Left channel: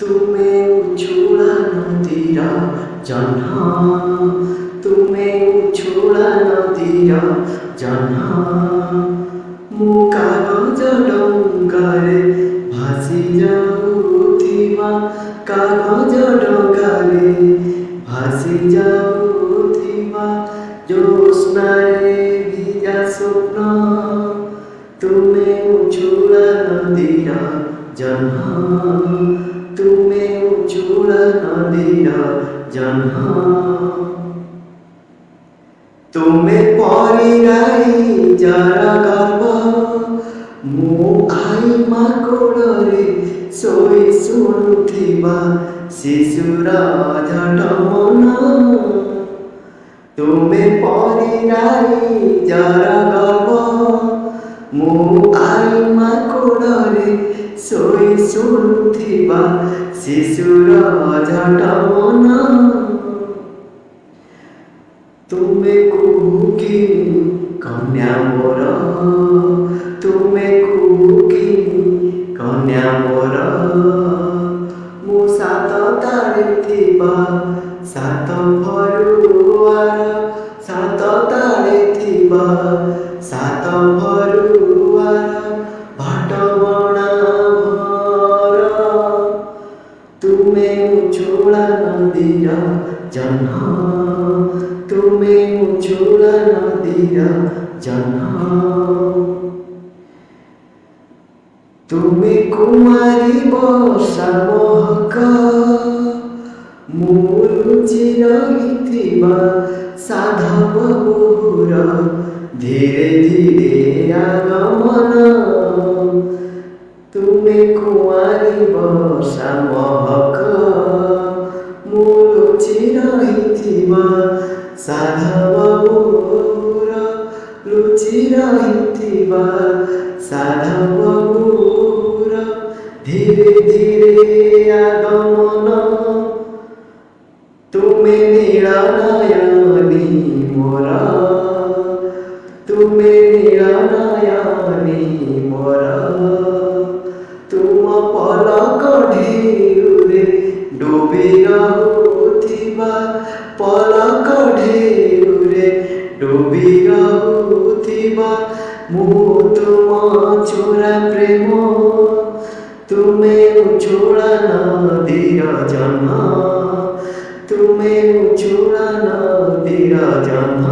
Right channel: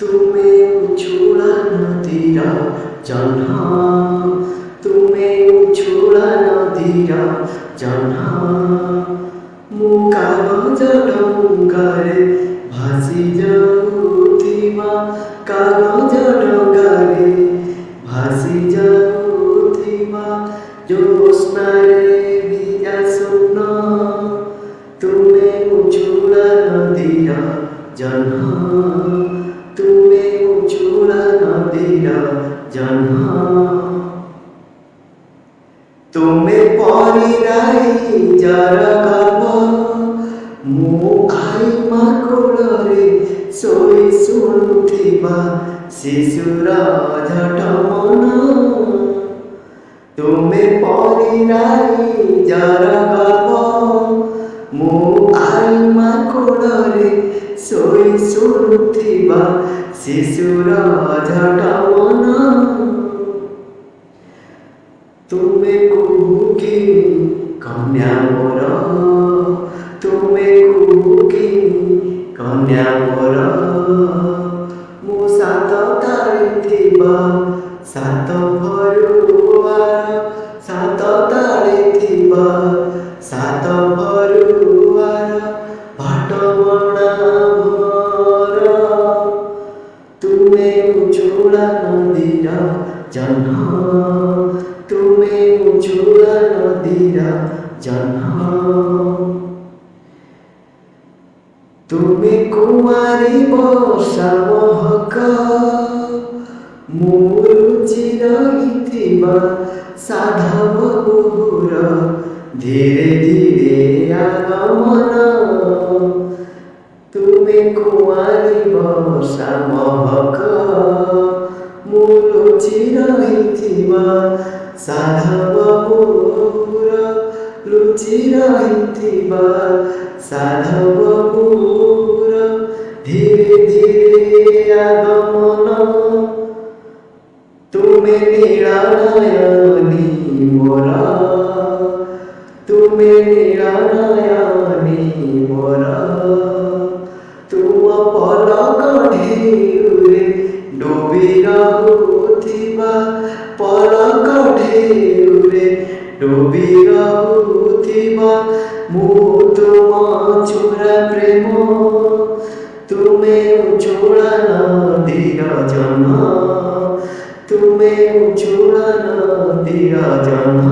ତୁମେ ଉଛୁଳା ନଦୀର ଜହ୍ନ, ତୁମେ ଉଛୁଳା ନଦୀର ଜହ୍ନ, ମୁଁ କାଗଜ ଡଙ୍ଗାରେ ଭାସି ଯାଉଥିବା, କାଗଜ ଡଙ୍ଗାରେ ଭାସି ଯାଉଥିବା ଜ୍ୟୋତ୍ସ୍ନାରେ ଭିଜା ସ୍ୱପ୍ନ, ତୁମେ ଉଛୁଳା ନଦୀର ଜହ୍ନ, ତୁମେ ଉଛୁଳା ନଦୀର ଜହ୍ନ। ତୁମେ ପରିରାଇଜର ଗର୍ବ, ମୁଁ ଆଈମା କୋଳରେ ଶୋଇ ଶୁଣୁଥିବା ଶିଶୁର ଝଟ ମନ, ତୁମେ ପରିରାଇଜର ଗର୍ବ, ମୁଁ ଆଈମା କୋଳରେ ଶୋଇ ଶୁଣୁଥିବା ଶିଶୁର ଝଟ ମନ, ତୁମେ କୁହୁକିନି କନ୍ୟା ମୋର, ତୁମେ କୁହୁକିନି କନ୍ୟା ମୋର, ମୁଁ ସାତ ତାଳିଥିବା ସାତ ଭରୁଆର, ସାତ ତାଳିଥିବା ସାତ ଭରୁଆର ଭାଟବଣା ଭର, ତୁମେ ଉଛୁଳା ନଦୀର ଜହ୍ନ, ତୁମେ ଉଛୁଳା ନଦୀର ଜହ୍ନ। ତୁମେ କୁମାରୀ ବର୍ଷା ମହକ, ମୁଁ ଲୁଚି ରହିଥିବା ସାଧବ ବୋହୁର ଧୀରେ ଧୀରେ ଆଗମନ, ତୁମେ କୁମାରୀ ବର୍ଷା ମହକ, ମୁଁ ଲୁଚି ରହିଥିବା ସାଧବ ବୋହୁର, ଲୁଚି ରହିଥିବା ସାଧବ ବୋହୁର ଧୀରେ ଧୀରେ ଆଗମନ, ତୁମେ ନୀଳ ନୟନୀ ମୋର, ତୁମେ ନୀଳ ନୟନୀ ମୋର, ତୁମ ପଲକ ଢେଉରେ ଡୁବି ରହୁଥିବା, ପଲକ ଢେଉରେ ଡୁବି ରହୁଥିବା ମୁଁ ତୁମ ଚୋରା ପ୍ରେମ, ତୁମେ ଉଛୁଳା ନଦୀର ଜହ୍ନ, ତୁମେ ଉଛୁଳା ନଦୀର ଜହ୍ନ।